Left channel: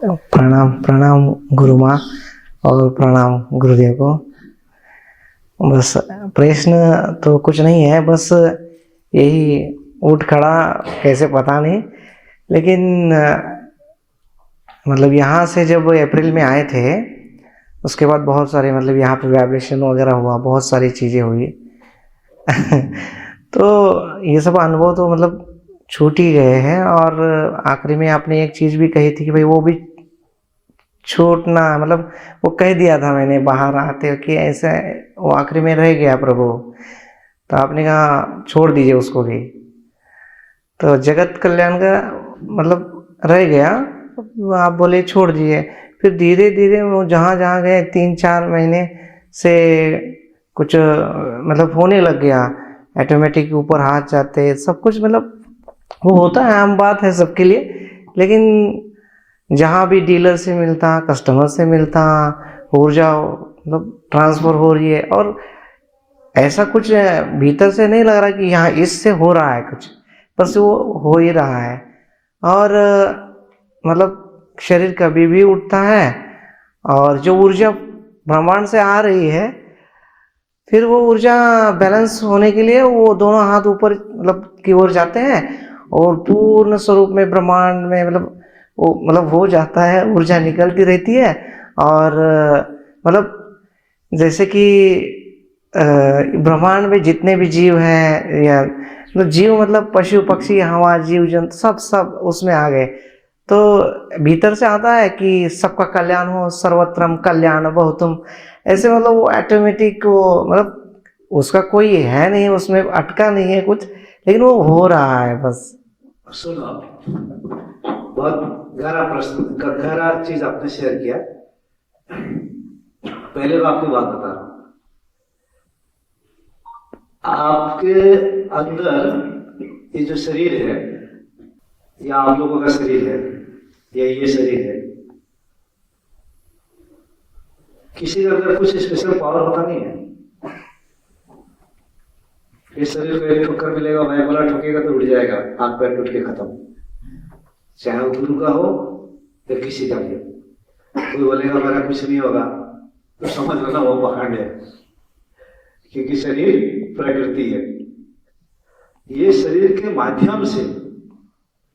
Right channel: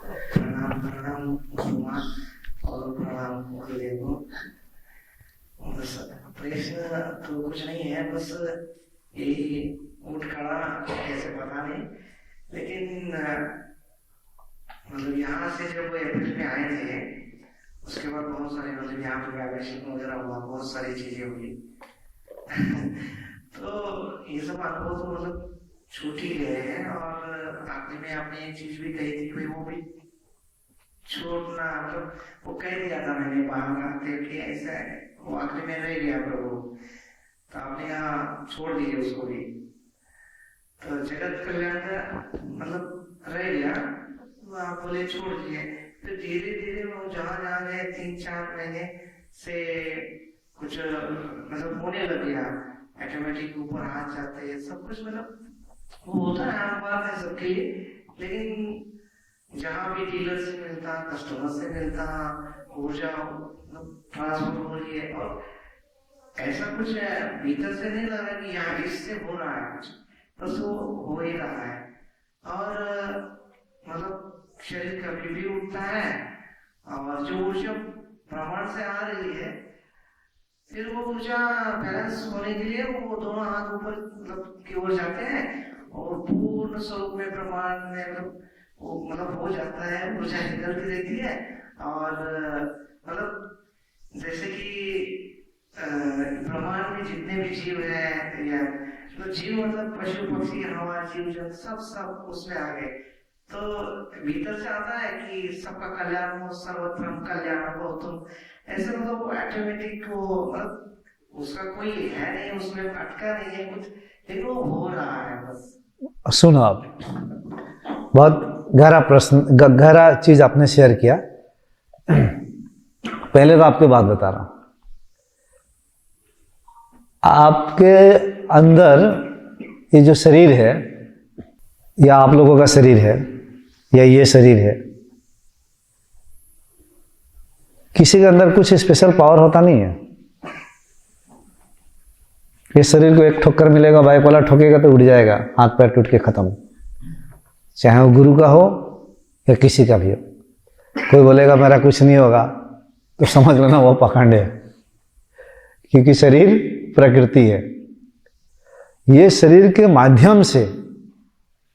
प्रणाम प्रणाम गुरु माँ और प्रणाम गुरुदेव को। बस प्रश्न तो कुछ नहीं है, बस यही उठ खड़ा कैसे पता नहीं, लेकिन मतलब यहाँ से जब अप्रैल में आए थे उसके बाद बहुत सारे मतलब यहाँ पे वाइब्रेशन वगैरह हुआ, बहुत सारी चीज़ें हुई। तो ये सब अनुभव तो मतलब छूट ही गए हैं। और आखिरी में आपने एक चीज़ भी कही थी कि भाई वो भी छूटना, मतलब वो कह दिया था मैंने बाहर आते कि ऐसा वो आखिरी में रह गया प्रभु, तो आपने कहा छोड़ दीजिए उसको भी। तो जगत कल्याण का मतलब रह गया, आप बोले छोड़ दिए। फिर धीरे धीरे वो जहाँ जहाँ गए 3-4 महीने से कुछ मतलब होने लग गया, ऑटोमेटिक ऊपर हाथ जाते सब कुछ, मतलब वो होता है, आम बात है सबके लिए। लेकिन जहाँ भी डीलर से मिलता, कस्टमर से मिलता, ऊर्जा मतलब ट्रांसफर हो रही है, और ऐसा कुछ भीतर से नहीं लग रहा कि यहाँ इससे हो रहा है कुछ, बस वो हो ही रहा है। और मतलब शरीर कभी भी उठता है, और जो ऊर्जा ब्रह्मांड से आ रही है, फिर वो ऊर्जा बैलेंस होने के लिए वो दोनों हाथ ऊपर मतलब की ओर जाते हैं, और पूर्ण स्वरूप में ब्रह्मांड में मतलब वो मतलब हो जाता है, ऊर्जा निकलती रहती है। और मतलब जैसे कि ब्रह्मांड में जितने भी जीव हैं, या मतलब जीव मतलब पशु पक्षी हवा जीव जंतु सब सब उसमें आ गए। तो भीतर से आता है कि सबका कल्याण हो, सर्वत्रम कल्याण बहुतुम, ऐसे मतलब वो ऑटोमेटिक वो मतलब उसका कोई है नहीं, उसमें अटका नहीं है कुछ, लेकिन वो हो रहा है बस। सुनो, आप बहुत गहरा प्रश्न, गहरा चीज आपने शेयर किया। पहले तो आपको बात बता रहा हूं, आपके अंदर ये जो शरीर है, या आप लोगों का शरीर है, या ये शरीर है, किसी के अंदर कुछ स्पेशल पावर होता नहीं है। इस शरीर को एक ठोकर मिलेगा, बाइक वाला ठोकेगा तो उड़ जाएगा, हाथ पैर टूट के खत्म, चाहे वो गुरु का हो या किसी का भी हो। कोई बोलेगा मेरा कुछ नहीं होगा तो समझ लेना वो पखंड है, क्योंकि शरीर प्रकृति है। ये शरीर के माध्यम से,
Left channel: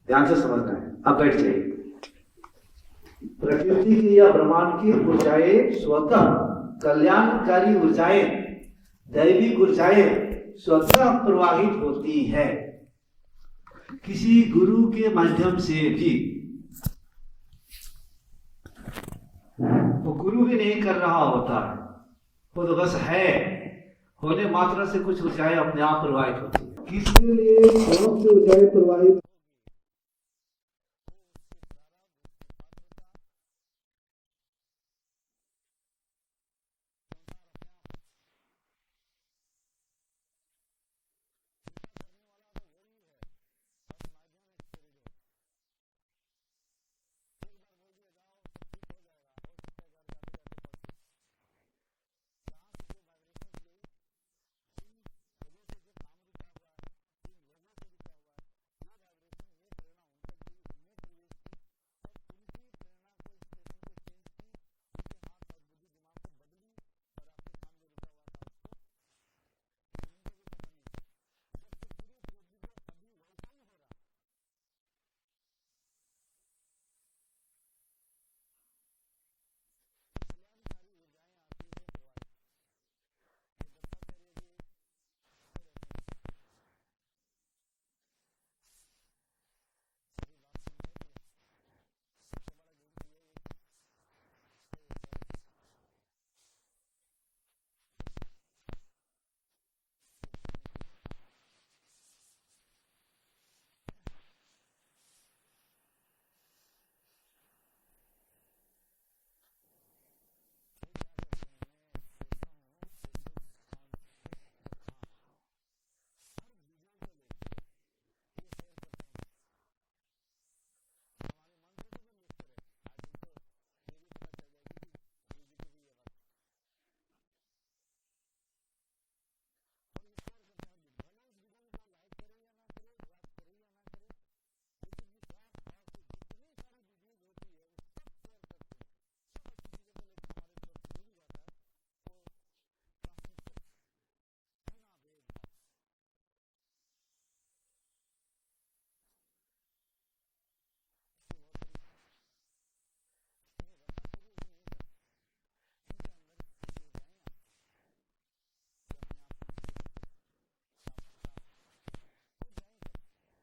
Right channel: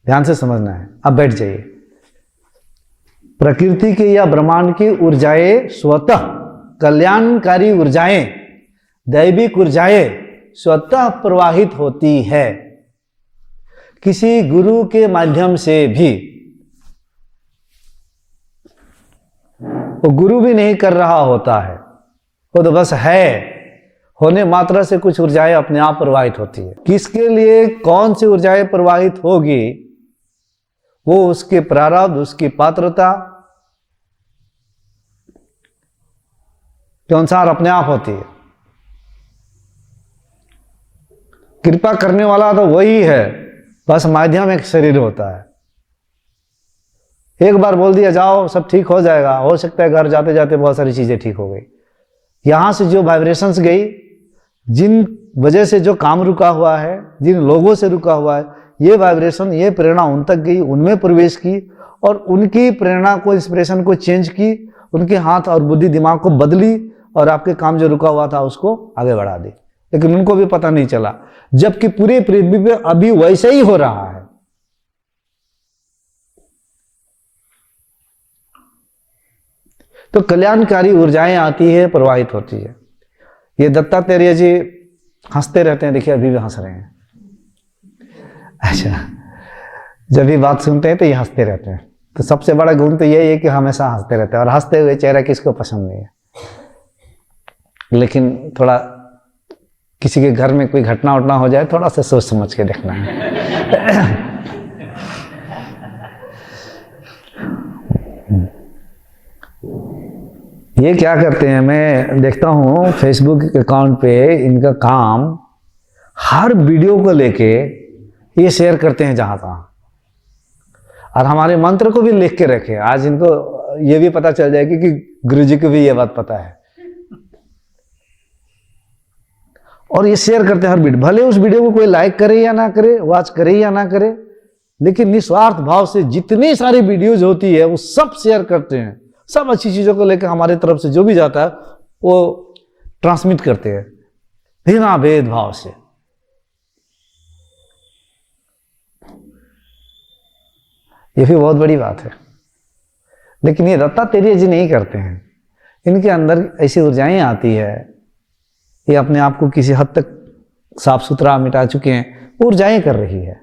ध्यान से समझना है, अब बैठ जाइए। प्रकृति की या ब्रह्मांड की ऊर्जाएं स्वतः कल्याणकारी ऊर्जाएं, दैविक ऊर्जाएं स्वतः प्रवाहित होती है, किसी गुरु के माध्यम से भी। वो गुरु भी नहीं कर रहा होता है, वो तो बस है, होने मात्रा से कुछ ऊर्जाएं अपने आप प्रवाहित होती है। किसके लिए कौन सी ऊर्जाएं प्रवाहित होगी, वो उसके प्रारब्ध, उसकी पात्रता के अनुसार अपने आप होती है। कृपा करने वाला तो वही है, बस माध्यम एक शरीर होता है। एक बार बोल दिया जाओ सब ठीक हो जाएगा, हो सकता है घर जाते जाते बहुत सारी चीजें ठीक हो गई। यहां से जो वाइब्रेशंस गई, जिन वजह से जो काम रुका हुआ है, जिन लोगों से रुका हुआ है, ये वाइब्रेशन, ये प्रेरणा उन तक गई, उनमें प्रवेश की, और उनकी प्रेरणा को, इंस्पिरेशन को चेंज की, उनके हाथ और बुद्धि दिमाग को बदली, और आपके काम जो रुका हुआ था उसको आगे बढ़ा दी। लेकिन उनको भी पता नहीं चला, जबकि पूरे पृथ्वी पे अभी वैसे ही हो रहा है। तो कल्याणकारी ऊर्जाएं आती है, प्रवाहित होती है। ये दत्तात्रेय जी हंसते रहते हैं, देखिए अभी भी हंस रहे हैं। अच्छा, जब भी बात सुनते हैं तो ये हंसते रहते हैं। तो सबसे बड़ा गुण तो यही है कि हमेशा हंसते रहते हैं, और हंसते हुए चेहरा किसको पसंद नहीं है। लेकिन थोड़ा किसी के घर में कोई घटना उठना हो जाए, थोड़ा सा सोच समझ के देखना है। ये क्या करते हैं, मैं देखता हूँ फेसबुक अकाउंट पे इनका काम, हर वीडियो को लेके ये शेयर करते हैं जहां तहां, और हमारे मंत्र को भी लिख के रखे। आज इनको ये भी पता चल जाएगी कि गुरुजी को भी ये बात पता है, और ये शेयर करते हैं हर वीडियो। भले उस वीडियो को कोई लाइक करे या ना करे, वॉच करे या ना करे, लेकिन निस्वार्थ भाव से जितनी सारी वीडियोज होती है वो सब शेयर करते हैं, सब अच्छी चीजों को लेकर हमारे तरफ से जो भी जाता है वो ट्रांसमिट करते हैं बिना भेदभाव से। ये भी बहुत बड़ी बात है। लेकिन ये दत्तात्रेय जी नहीं करते हैं। इनके अंदर ऐसी ऊर्जाएं आती है, ये अपने आप को किसी हद तक साफ सुथरा मिटा चुके हैं, ऊर्जाएं कर रही है।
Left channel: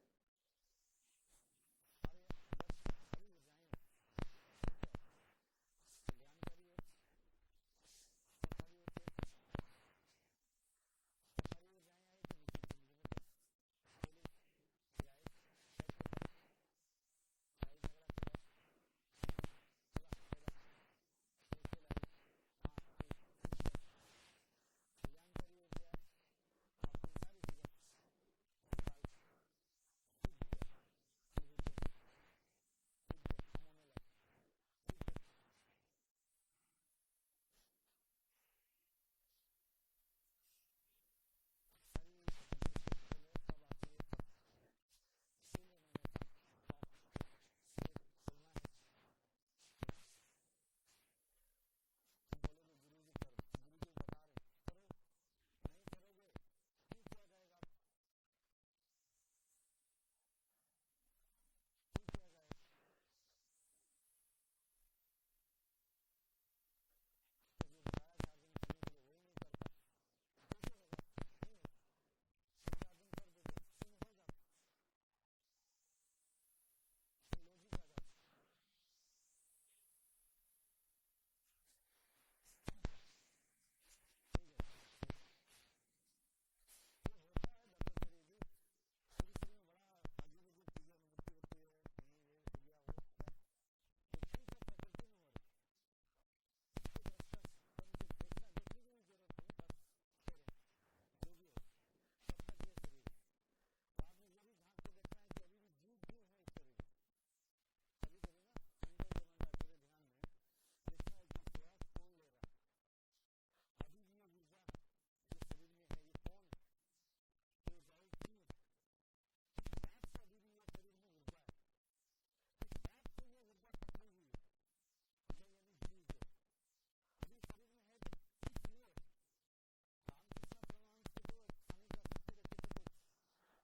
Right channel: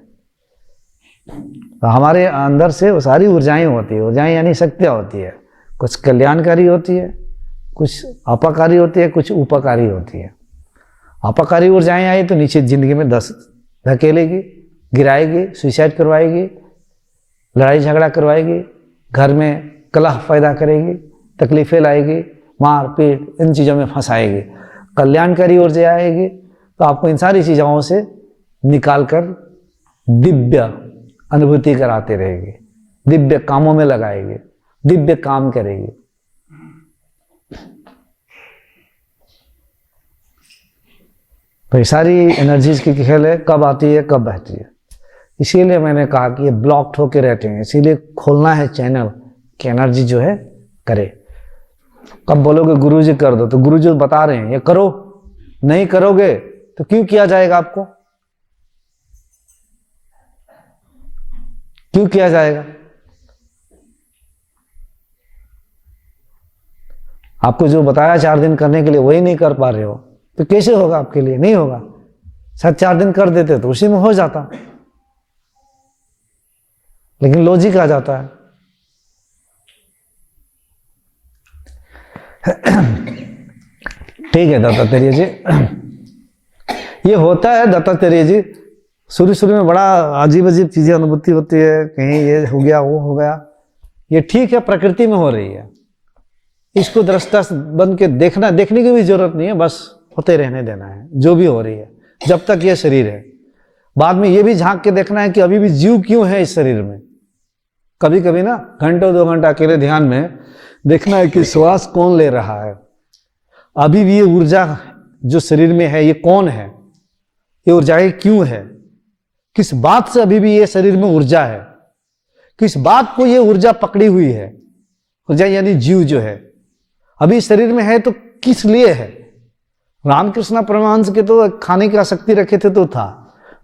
तो हमारे अंदर से वो सारी ऊर्जाएं होती है, ऊर्जाएं यानी शक्तियां होती है, कुछ कल्याणकारी होती है, कुछ अपाकारी होती है, कुछ उपकारी होती है। अपाकारी ऊर्जाएं आई तो नीचे जिंदगी में धकेलेगी, गिराएगी, सुसाइड करवाएगी, लड़ाई झगड़ा करवाएगी, घर में कलह पैदा करेगी, तकलीफें लाएगी, मार पीट इन चीज़ों में फंसाएगी। कल्याणकारी ऊर्जा आएगी तो आपको इन सारी चीज़ों से निकाल कर दिव्य अनुभूति कराते रहेगी, दिव्य कामों में लगाएगी, दिव्य काम करेगी। तो ये सारी एनर्जीज की खेल है, कब आती है कब बहती है। इसीलिए मैंने कहा कि ये ब्लॉक्ड होके रहते हैं, इसीलिए खोलना है चैनल कि एनर्जी जो है करे। कब बोलोगे गुरुजी कर दो, तो गुरुजी बता रहे हैं ये करो, नहीं करोगे तो क्यों किया जाएगा आपको, क्यों किया जाएगा? आपको जो बताया 4 दिन करने के लिए वही नहीं कर पा रहे हो तो कैसे होगा आपके लिए? नहीं होगा। शायद 4 दिन कर देते तो उसी में हो जाता, लेकिन लॉजिक आ जाता है। ठीक है दत्तात्रेय जी, ये होता है दत्तात्रेय जी। शुरू शुरू में बड़ा अजीब अजीब चीजें अनुभूति होती है, कहीं ये हो गया वो हो गया। ये ठीक है, प्रकृति में हो रही है, इसको दृष्टा बन के देखने की भी जरूरत नहीं है, बस होते रहने देना है जो भी हो रही है जब तक ये शरीर है। बाद में ये भी झांक के देखना है कि अभी भी जीव क्यों है इस शरीर में। कभी कभी ना घंटों 2 घंटा अकेले ध्यान में देखना है कि श्वास कौन ले रहा है, अभी भी ये ऊर्जा जो शरीर में है ये कौन है, ये ऊर्जाएं क्यों है, किस बात से अभी भी ये शरीर में ऊर्जा है, किस बात को ये ऊर्जा पकड़ी हुई है। ऊर्जा यानी जीव जो है अभी शरीर में है तो किस लिए है। रामकृष्ण परमहंस के तो खाने की आसक्ति रखे थे तो था,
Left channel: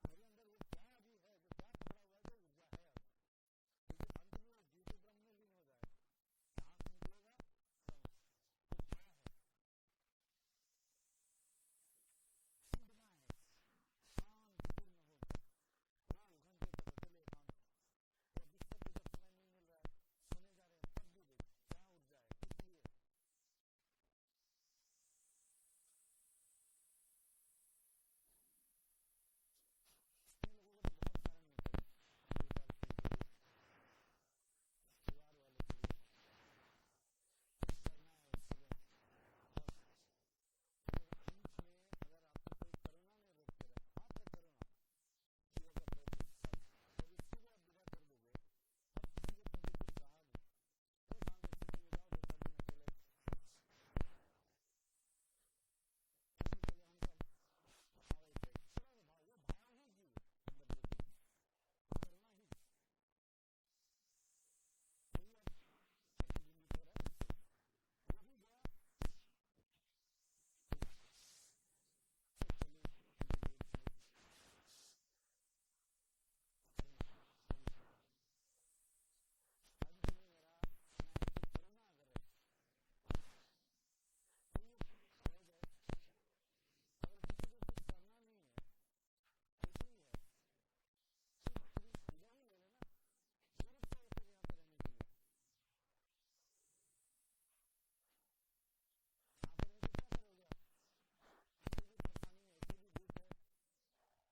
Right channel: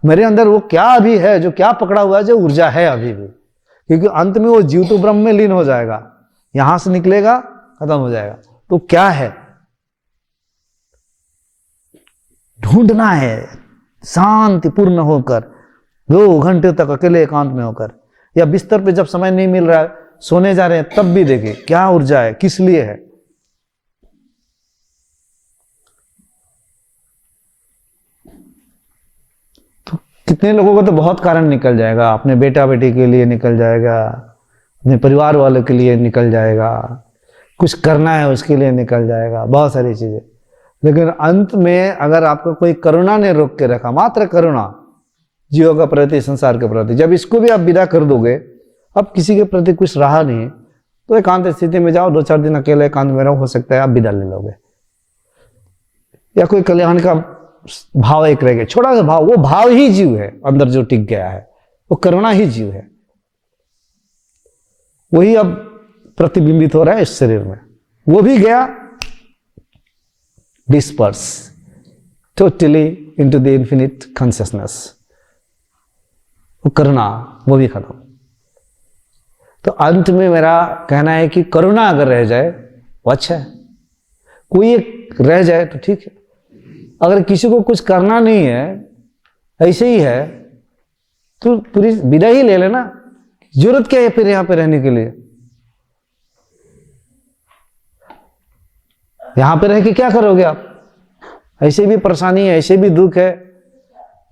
मेरे अंदर वो क्या अभी है जो क्या पकड़ा हुआ है जो ऊर्जा है अभी भी, क्योंकि अंत में वो जीव तो ब्रह्म में लीन हो जाएगा, यहां से निकलेगा खत्म हो जाएगा। तो क्या है ढूंढना है, शांतिपूर्ण होकर 2 घंटे तक अकेले एकांत में होकर, या बिस्तर पे जब समय नहीं मिल रहा है सोने जा रहे हैं तब भी देखें क्या ऊर्जा है, किस लिए है। तो कितने लोगों को तो बहुत कारण निकल जाएगा, अपने बेटा बेटी के लिए निकल जाएगा, अपने परिवार वालों के लिए निकल जाएगा, कुछ करना है उसके लिए निकल जाएगा, बहुत सारी चीजें। लेकिन अंत में अगर आपको कोई करुणा ने रोक के रखा, मात्र करुणा जीवों का प्रति, संसार के प्रति, जब इसको भी आप विदा कर दोगे, अब किसी के प्रति कुछ रहा नहीं, तो एकांत स्थिति में जाओ, 2-4 दिन अकेले एकांत में रहो, हो सकता है आप विदा ले लोगे। या कोई कल्याण का भाव एक रह गया, छोटा सा भाव, वो भाव ही जीव है अंदर जो टिक गया है, वो करुणा ही जीव है, वही अब प्रतिबिंबित हो रहा है इस शरीर में। वो भी गया disperse totally into the infinite consciousness, वो करुणा वो भी खत्म। तो अंत में मेरा कहना है कि करुणा अगर रह जाए वो अच्छा है, कोई एक रह जाए तो ठीक है। अगर किसी को कुछ करना नहीं है, ऐसे ही है, तो पूरी विदा ही ले लेना, जरूरत क्या है फिर यहां पे रहने के लिए। यहां पे रह के क्या करोगे आप, ऐसे भी परेशानी है, ऐसे भी दुख है,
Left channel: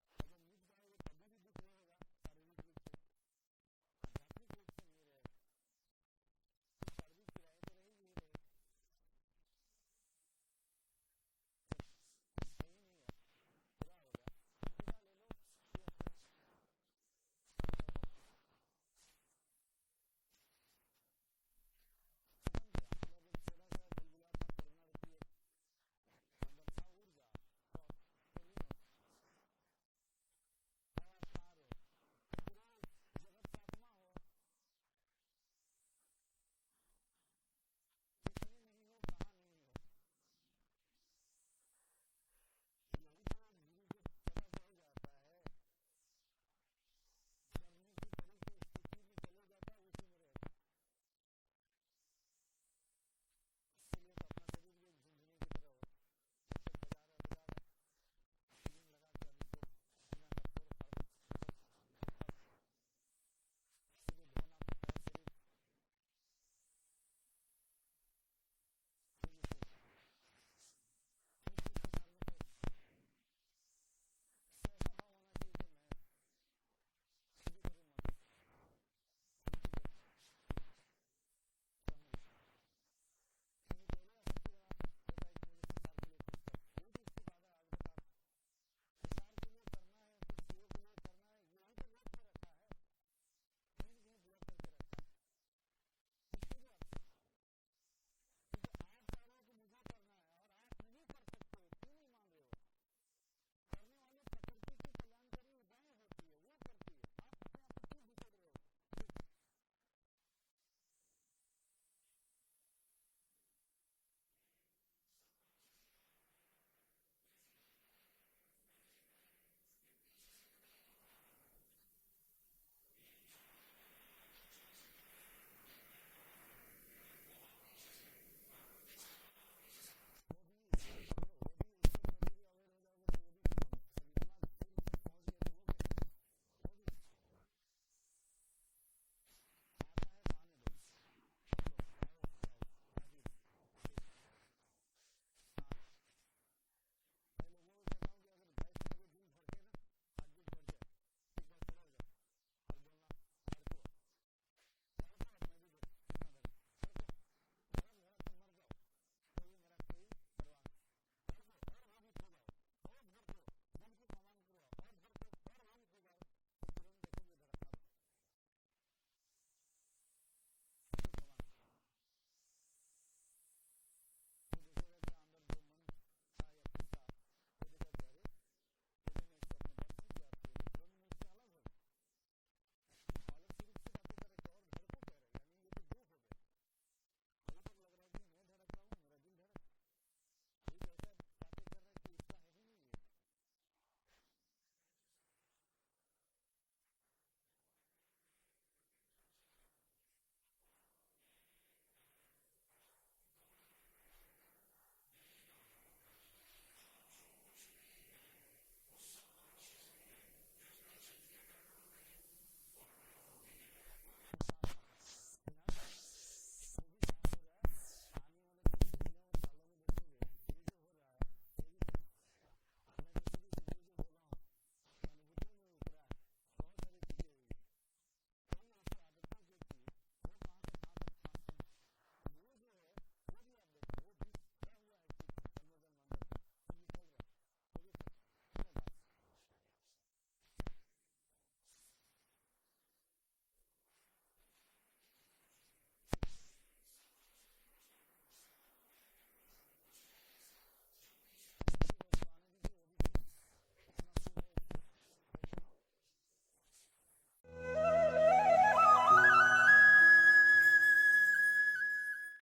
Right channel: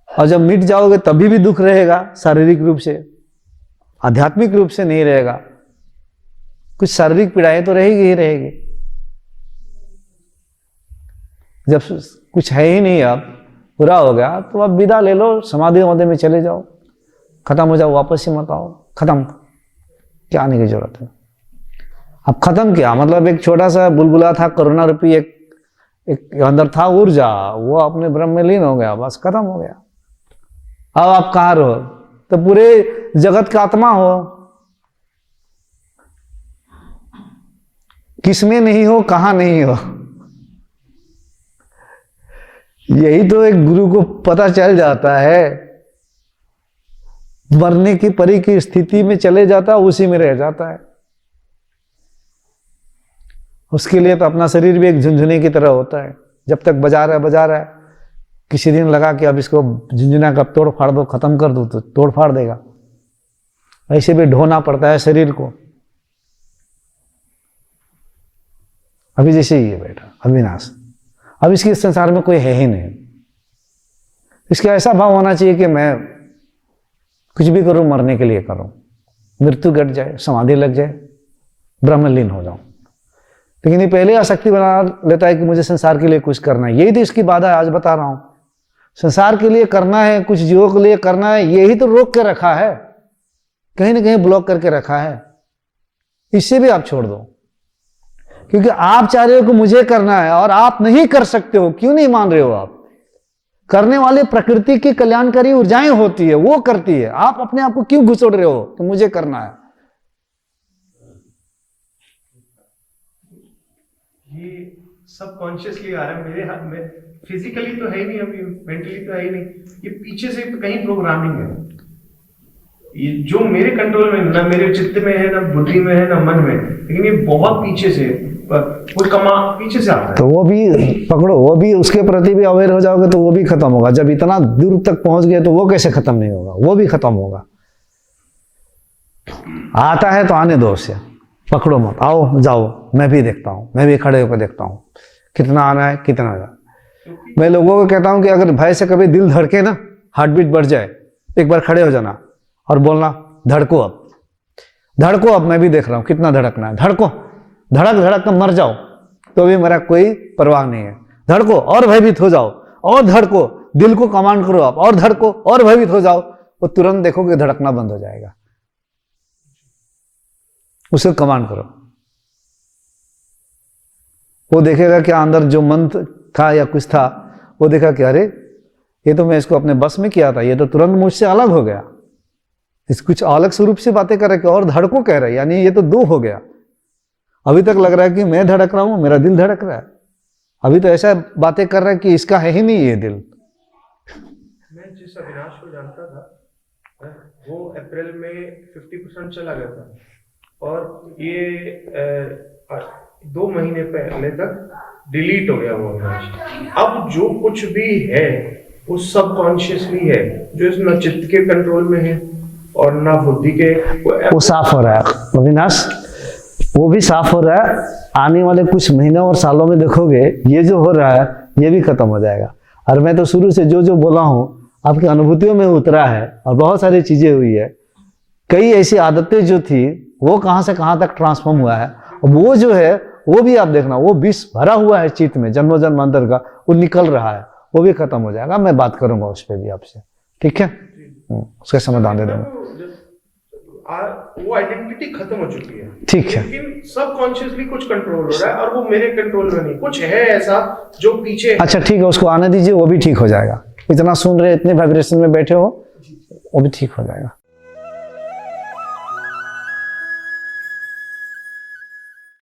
और जब मिट जाओगे तभी भी दुख रहेगा, शारीरिक रूप से, आध्यात्मिक रूप से नहीं रहेगा। कुछ शारीरिक पीड़ाएं तो रहेगी ही रहेगी। जब कुछ है ही नहीं, अब पूरा हो गया तो अब विदा ले लो, समाधि वमाधि में चले जाओ, खत्म हो जाओ, वापस ही मत आओ, खत्म, क्या आने की जरूरत है। अब खत्म किया मतलब एक छोटा सा बुलबुला था, करुणा रूपी एक अंदर था ऊर्जा, वो अपने ब्रह्म में लीन हो गया, बस खत्म हो गया। अब आप कहाँ रहो, तो पूरे जगत का आत्मा हो, किसमें नहीं हो, कहां नहीं हो। यही तो एक गुरु को पता चल जाता है, मरने की परी की स्थिति में चले जाता है, उसी में रह जाता है। उसके लिए तो अपना शरीर भी एक झुनझुने की तरह होता है, जब तक बजा रहा है, किसी दिन लगा कि अब इसको झुनझुना का तोड़ फाड़ दो, खत्म कर दो, तो तोड़ फाड़ देगा। ऐसे भी ढोना पड़ता है शरीर को। अभी जैसे ही है बेटा अविनाश, अब इसके संसार में कोई है ही नहीं। इसका ऐसा भाव होना चाहिए कि मैं कुछ भी करूं, मरने के लिए करूं, मृत्यु घट जाए, समाधि लग जाए, ब्रह्मलीन हो जाऊं। लेकिन ये पहले आसक्ति बना लेता है कि मुझे संसार के लिए कुछ करना है। यही तो इसकी बाधा है, आज बता रहा हूं। संसार के लिए करना है, कुछ जीवों के लिए करना है, यही तो रोक के रखा है, कहीं ना कहीं ब्लॉक करके रखा है। इससे भी आप छोड़ दो, क्योंकि आप चाह रहे हो कि मुझे करना है और आप नहीं कर सकते हो। क्यों नहीं मान रहे हो आप? करने वाले प्रकृति की कल्याणकारी ऊर्जाएं होती है, वो करती है। आप अपने आप को क्यों घुसोड़ रहे हो कि मुझे करना है? ये सब कॉन्शियसली आ रहा है मेरे हाथ में, फिजिकली तो है ही नहीं, अभी मेंटली तो है ही नहीं। ये पीछे से कहीं प्रोग्रामिंग है, ये जो मेरे कंट्रोल में ना मेरे चित्त में है, ना बुद्धि में है, ना मन में, लेकिन ये बहुत पीछे से कोई कमा पीछे से आता है। तो वो भी पकड़ो, वो भी उसके प्रति भी अवेयर हो जाओगे तो वो भी खत्म होगा। जब इतना दूर तक पहुंच गए तो वो कैसे खत्म नहीं होगा? वो भी खत्म होगा। आता है तो आने दो उसे, पकड़ो मत, आओ जाओ, मैं भी देखता हूँ, मैं भी खड़े होकर देखता हूँ कितना आना है, कितना जाए। मैं लोगों को कहता हूँ कि अगर भय से कभी दिल धड़के ना, हार्ट बीट बढ़ जाए, एक बार खड़े हो जाना और बोलना धड़को अब, धड़को अब, मैं भी देख रहा हूँ कितना धड़कना है, धड़को, धड़क धड़क कर मर जाओ तो भी मेरा कोई परवाह नहीं है। धड़को और भयभीत हो जाओ, और धड़को, दिल को कमांड करो आप, और धड़को और भयभीत हो जाओ, वो तुरंत देखोगे धड़कना बंद हो जाएगा। उसे कमांड करो, वो देखेगा कि अंदर जो मन था या कुछ था, वो देखा कि अरे ये तो मैं इसको अपने बस में किया था, ये तो तुरंत मुझसे अलग हो गया, इस कुछ अलग स्वरूप से बातें कर रहे और धड़को कह रहे, यानी ये तो दो हो गया। अभी तक लग रहा है कि मैं धड़क रहा हूं, मेरा दिल धड़क रहा है, अभी तो ऐसा बातें कर रहा है कि इसका है ही नहीं ये दिल। मैं जिस अविनाश को जानता था वो अप्रैल में 50% चला गया था, और ये 2 महीने पहले तक डिलीट हो गया वो अविनाश। अब जो कुछ भी है वो सब कॉन्शियसली है, जो इस न चित्त के कंट्रोल में है और ना बुद्धि के। वो साफ हो रहा है अविनाश, वो भी साफ हो रहा है। आने वाले कुछ महीनों और सालों में देखोगे ये जो हो रहा है ये भी खत्म हो जाएगा। और मैं तो शुरू से जो जो बोला हूँ आपकी अनुभूतियों में उतरा है, और बहुत सारी चीजें हुई है। कई ऐसी आदतें जो थी वो कहाँ से कहाँ तक ट्रांसफॉर्म हुआ है, और वो जो है वो भी आप देखना, वो विष भरा हुआ है चित्त में जन्मों जन्मांतर का, वो निकल रहा है, वो भी खत्म हो जाएगा। मैं बात करूंगा उस पर भी आपसे, ठीक है? उसका समाधान दे दूंगा। वो आइडेंटिटी खत्म हो चुकी है, ठीक है, लेकिन सब कॉन्शियसली कुछ कंट्रोल हो रहा है, और वो मेरे कंट्रोल में नहीं, कुछ है ऐसा जो पीछे। अच्छा ठीक है, उसको आने दीजिए, वो भी ठीक हो जाएगा। इतना सुन रहे, इतने वाइब्रेशन में बैठे हो, वो भी ठीक हो जाएगा।